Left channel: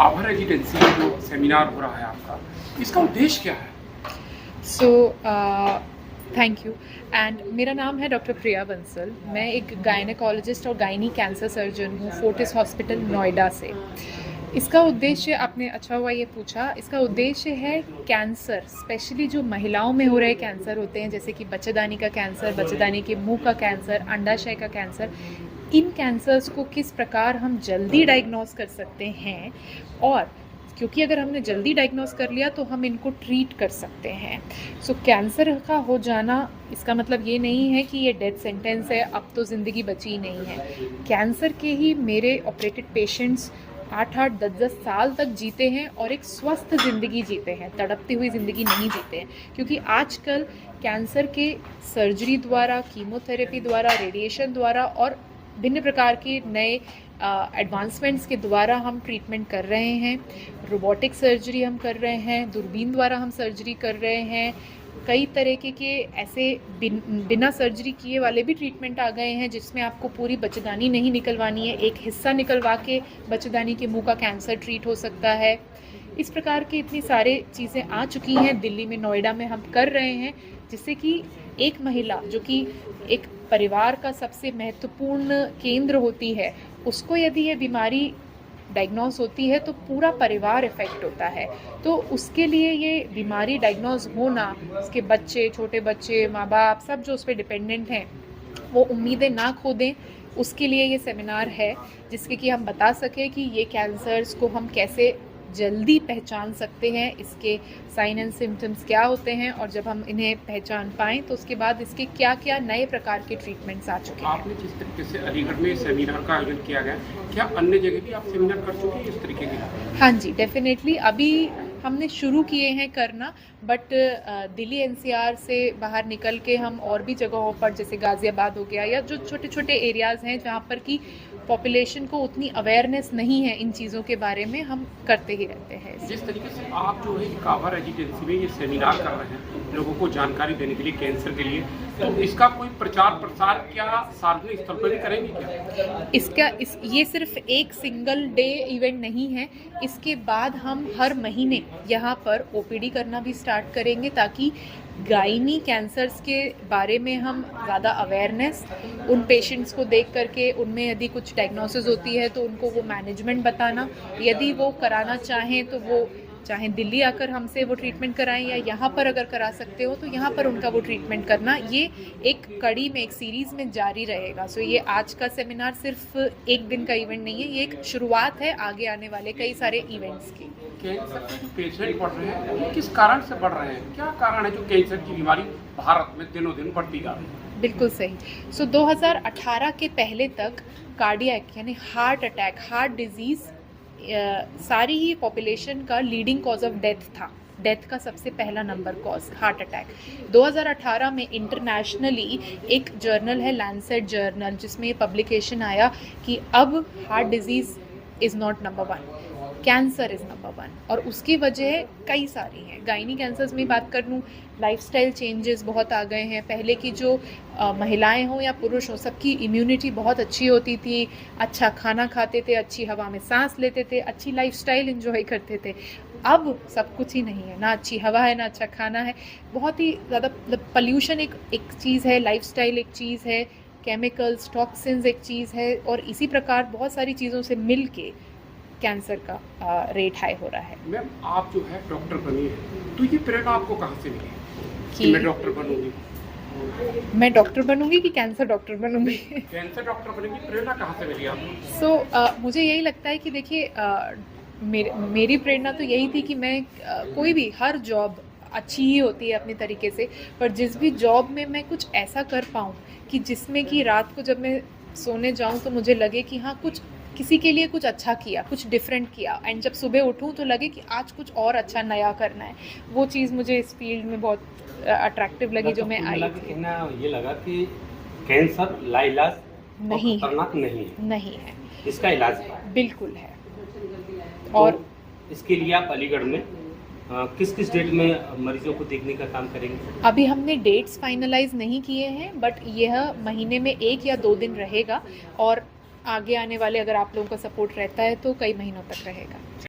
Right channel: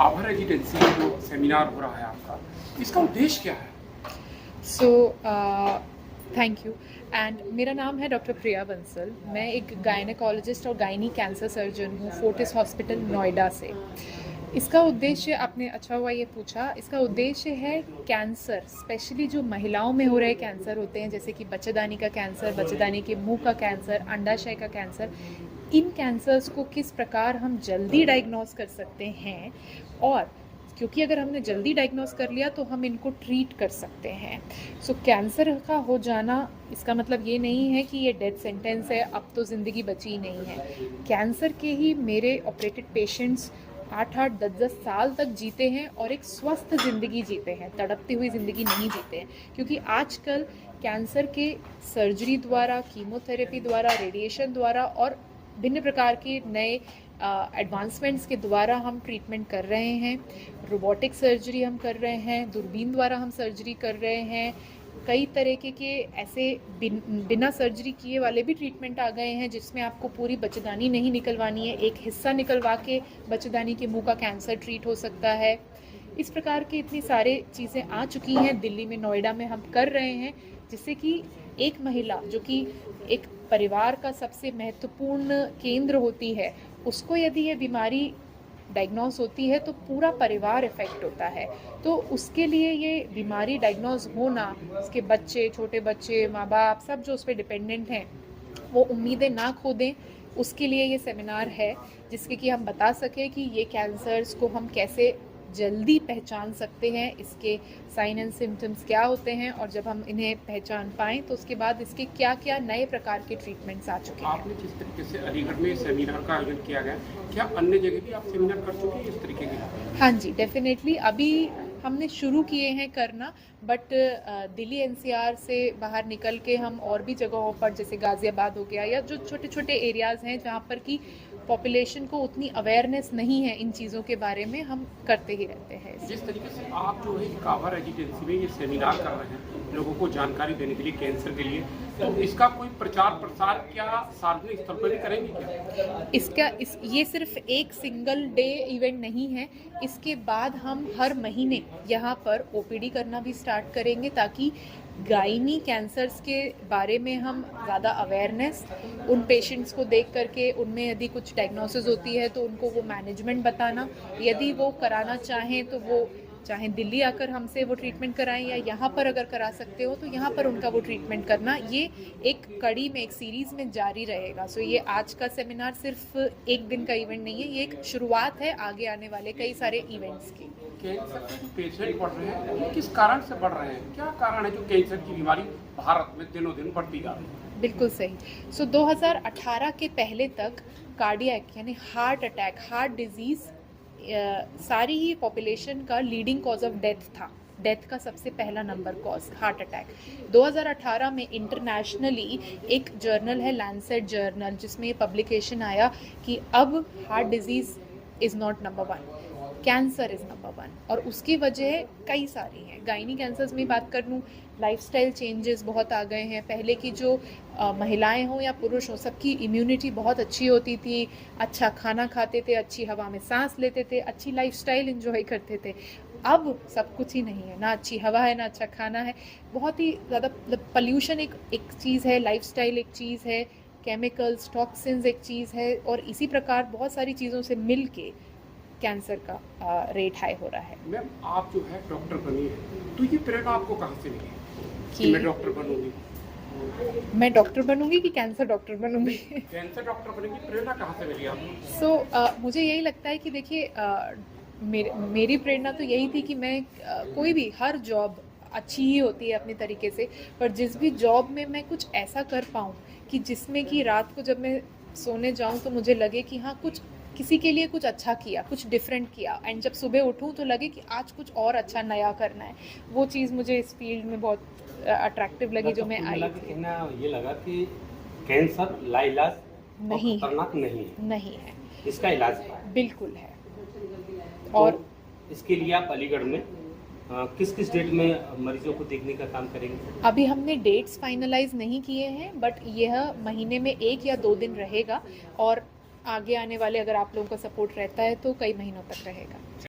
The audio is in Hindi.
आभा रेजिडेंसी में जो सेमिनार हो रहा है आपका, इसका उद्देश्य क्या है? सो थैंक यू एंड मेरा नाम है डॉक्टर प्रिया बंसल। मैं एक गायनेकोलॉजिस्ट और गायनी कैंसर सर्जन हूँ फोर्टिस हॉस्पिटल नोएडा से। इसका उद्देश्य, आपने अच्छा हुआ ये पूछा, इसका उद्देश्य है कैंसर, स्पेशली जो महिलाओं में हो रहे कैंसर होते हैं, जैसे कि बच्चेदानी का कैंसर, बच्चेदानी के मुंह का कैंसर, अंडाशय का कैंसर, इन कैंसर्स को किस प्रकार हम जल्दी डायग्नोस कर सकते हैं। और क्योंकि अगर हमने जल्दी डायग्नोस कर लिया तो हम इनको ट्रीट कर सकते हैं। सो कैंसर का हो जाना इसका मतलब ये नहीं है कि ये डेथ सेंटेंस है, अब तो ज़िंदगी बची ही नहीं है। कैंसर के ही मेरे ऑपरेटेड पेशेंट्स 8-8, 10-10 साल तक जीते हैं और एक स्वस्थ ज़िंदगी जीते हैं, तड़पती हुई ज़िंदगी नहीं जीते हैं। क्योंकि आजकल कैंसर के सर्जरी द्वारा, कीमोथेरेपी द्वारा, रेडिएशन द्वारा और भिन्न प्रकार के नए एडवांसमेंट्स के द्वारा हम ट्रीटमेंट कर रहे हैं। रोबोटिक सर्जरी हम कर रहे हैं, दूरबीन द्वारा हम सर्जरी कर रहे हैं, कई तरीके के ऐसे बिना सर्जरी किए वाले भी ट्रीटमेंट आ गए हैं जिसमें आपको पूरी बच्चेदानी नहीं निकलवानी है, एक हिस्सा निकलवा के बच्चेदानी के मुंह का कैंसर ट्रीट हो सकता है। इस प्रकार की इतनी सारी चीज़ें आ चुकी हैं, दिल्ली में, नोएडा में हम कर रहे हैं, जिससे कि एक महिला जो कि एक परिवार का सबसे महत्वपूर्ण केंद्र होती है, उसको यदि ये बीमारी डायग्नोस होती है तो पूरा परिवार इफ़ेक्ट होता है। तो उसके लिए ये बीमारी डायग्नोस होना, उसके बच्चे, छोटे बच्चे, माँ बाप सब जो उस पर डिपेंडेंट हैं, वो उम्मीदें ना खो दें, उसके लिए ये सेमिनार है, जिसके कि हम बता सकें कि ये कैंसर्स को हम कैसे जल्दी पहचान सकते हैं, इसके साइन एंड सिम्टम्स क्या होते हैं, और जब हम इन्हें पहचान पाएँ तो उसके बाद इसके क्या क्या नए प्रकार के ट्रीटमेंट्स आ चुके हैं। आपने जिस तरीके से अलीगढ़ में सेमिनार का आयोजन किया गया, क्या अन्य जगह भी आप सेमिनार कर चुके हैं इस तरीके के? हाँ जी, डेफिनेटली अभी हमने शुरू किए हैं करना, बट दिल्ली एनसीआर से बाहर निकल के हम और भी जगहों पर, जैसे गाज़ियाबाद हो गया, या जो छोटे छोटे एरियाज़ हैं जहाँ पर कि पॉपुलेशन को उतनी अवेयरनेस नहीं है इन चीज़ों के बारे में, हम करते ही रहते हैं। जिस तरीके से आप जो है आभा रेजिडेंसी में ये सेमिनार कर रहे हैं लोगों को जानकारी देने के लिए कैंसर के लिए, तो इसका कोई प्रचार प्रसार क्या सार्वजनिक स्तर पर भी करेंगे क्या? ये सिर्फ एक सिंगल डे इवेंट नहीं है। इसके बाद हम हर महीने यहाँ पर ओपीडी करना भी स्टार्ट करेंगे, ताकि गायनी कैंसर्स के बारे में हम ज़्यादा अवेयरनेस, उन पेशेंट्स को देख करके उनमें यदि कुछ डायग्नोसिस होती है तो उनको वो मैनेजमेंट बताना, यदि वो कराना चाहें तो वो चाहे दिल्ली आकर हमसे वो ट्रीटमेंट कराएं, या यहाँ पर अगर करा सकते हो तो यहाँ पर उनका वो ट्रीटमेंट करना। ये एक कड़ी में, एक सीरीज़ में जारी रहेगा। सो ये आज का सेमिनार सिर्फ एक दिन का इवेंट नहीं है, ये एक शुरुआत है आगे आने वाले कई सारे इवेंट्स की। कैंसर के जो पेशेंट बढ़ रहे हैं वो किस कारण से बढ़ रहे हैं? क्या कारण है जो कैंसर की बीमारी भारत में दिनों दिन बढ़ती जा रही है? बिल्कुल सही। सो 2018 के पहले तक कार्डियक यानी हार्ट अटैक, हार्ट डिजीज़ सारी ही पॉपुलेशन का लीडिंग कॉज ऑफ डेथ था। डेथ का सबसे पहला नंबर कॉज हार्ट अटैक। 2018 में इंटरनेशनली एक जर्नल है, लैंसेट जर्नल, जिसमें ये पब्लिकेशन आया कि अब heart disease is not number 1, cancer is number 1। और उसकी वजह कई सारी हैं। गायनी कैंसर्स में बात कर लूँ, लाइफस्टाइल चेंजेस बहुत आ गए हैं। पहले की जो महिलाएं हों या पुरुष हों, सबकी इम्यूनिटी बहुत अच्छी होती थी, अच्छा खाना खाते थे, अच्छी हवा में सांस लेते थे, अच्छी लाइफस्टाइल एंजॉय करते थे। अब सब कुछ ही नहीं है, ना अच्छी हवा है, ना अच्छा खाना है, बहुत ही ज़्यादा पॉल्यूशन एक चीज़ है, लाइफस्टाइल एक चीज़ है, केमिकल्स, टॉक्सिन्स एक चीज़ है, और इसी प्रकार बहुत सारी चीज़ों से मिल के कैंसर का रेट हाई हो रहा है। मैम, आप जो है डॉक्टर बनी है, तो ये प्रेरणा आपको कहाँ से मिली कि मैं डॉक्टर बनूंगी? मैं डॉक्टर बनूंगी कि कैंसर डॉक्टर बनूंगी? कैंसर डॉक्टर बनेगी, प्रेरणा कहाँ से मिली आपको? सो मुझे यही लगता है कि देखिए, मेरी प्रेरणा तो यही थी कि मैं कोई भी, हर जॉब अच्छी ही होती है अपने तरीके से, पर जिस भी जॉब में मैं कुछ ऐसा कर पाऊँ कि जिसमें कि रात को जब मैं सोने जाऊँ तो मुझे लगे कि हाँ, कुछ किसी के लिए कुछ अच्छा किया, कुछ डिफरेंट किया, एंड जब सुबह उठूँ तो लगे कि आज कुछ और अच्छा नया करना है। वो चीज़ मुझे इस फील्ड में बहुत अट्रैक्टिव लगी, जो मैं आई थी। ये लगा कि कैंसर लाइलाज नहीं, खतरनाक नहीं है, इसका इलाज है। बिल्कुल है। तो और इसके लिए आप अलीगढ़ में किस किस डेट में मरीजों को देखने का काम करेंगे? अभी हमने डेट्स फाइनलाइज नहीं किए हैं, बट यह महीने में 1 या 2 दिन रहेगा, और आगे आने वाले अगर आप लोगों का सपोर्ट रहता है तो कई महीनों तक रहेगा।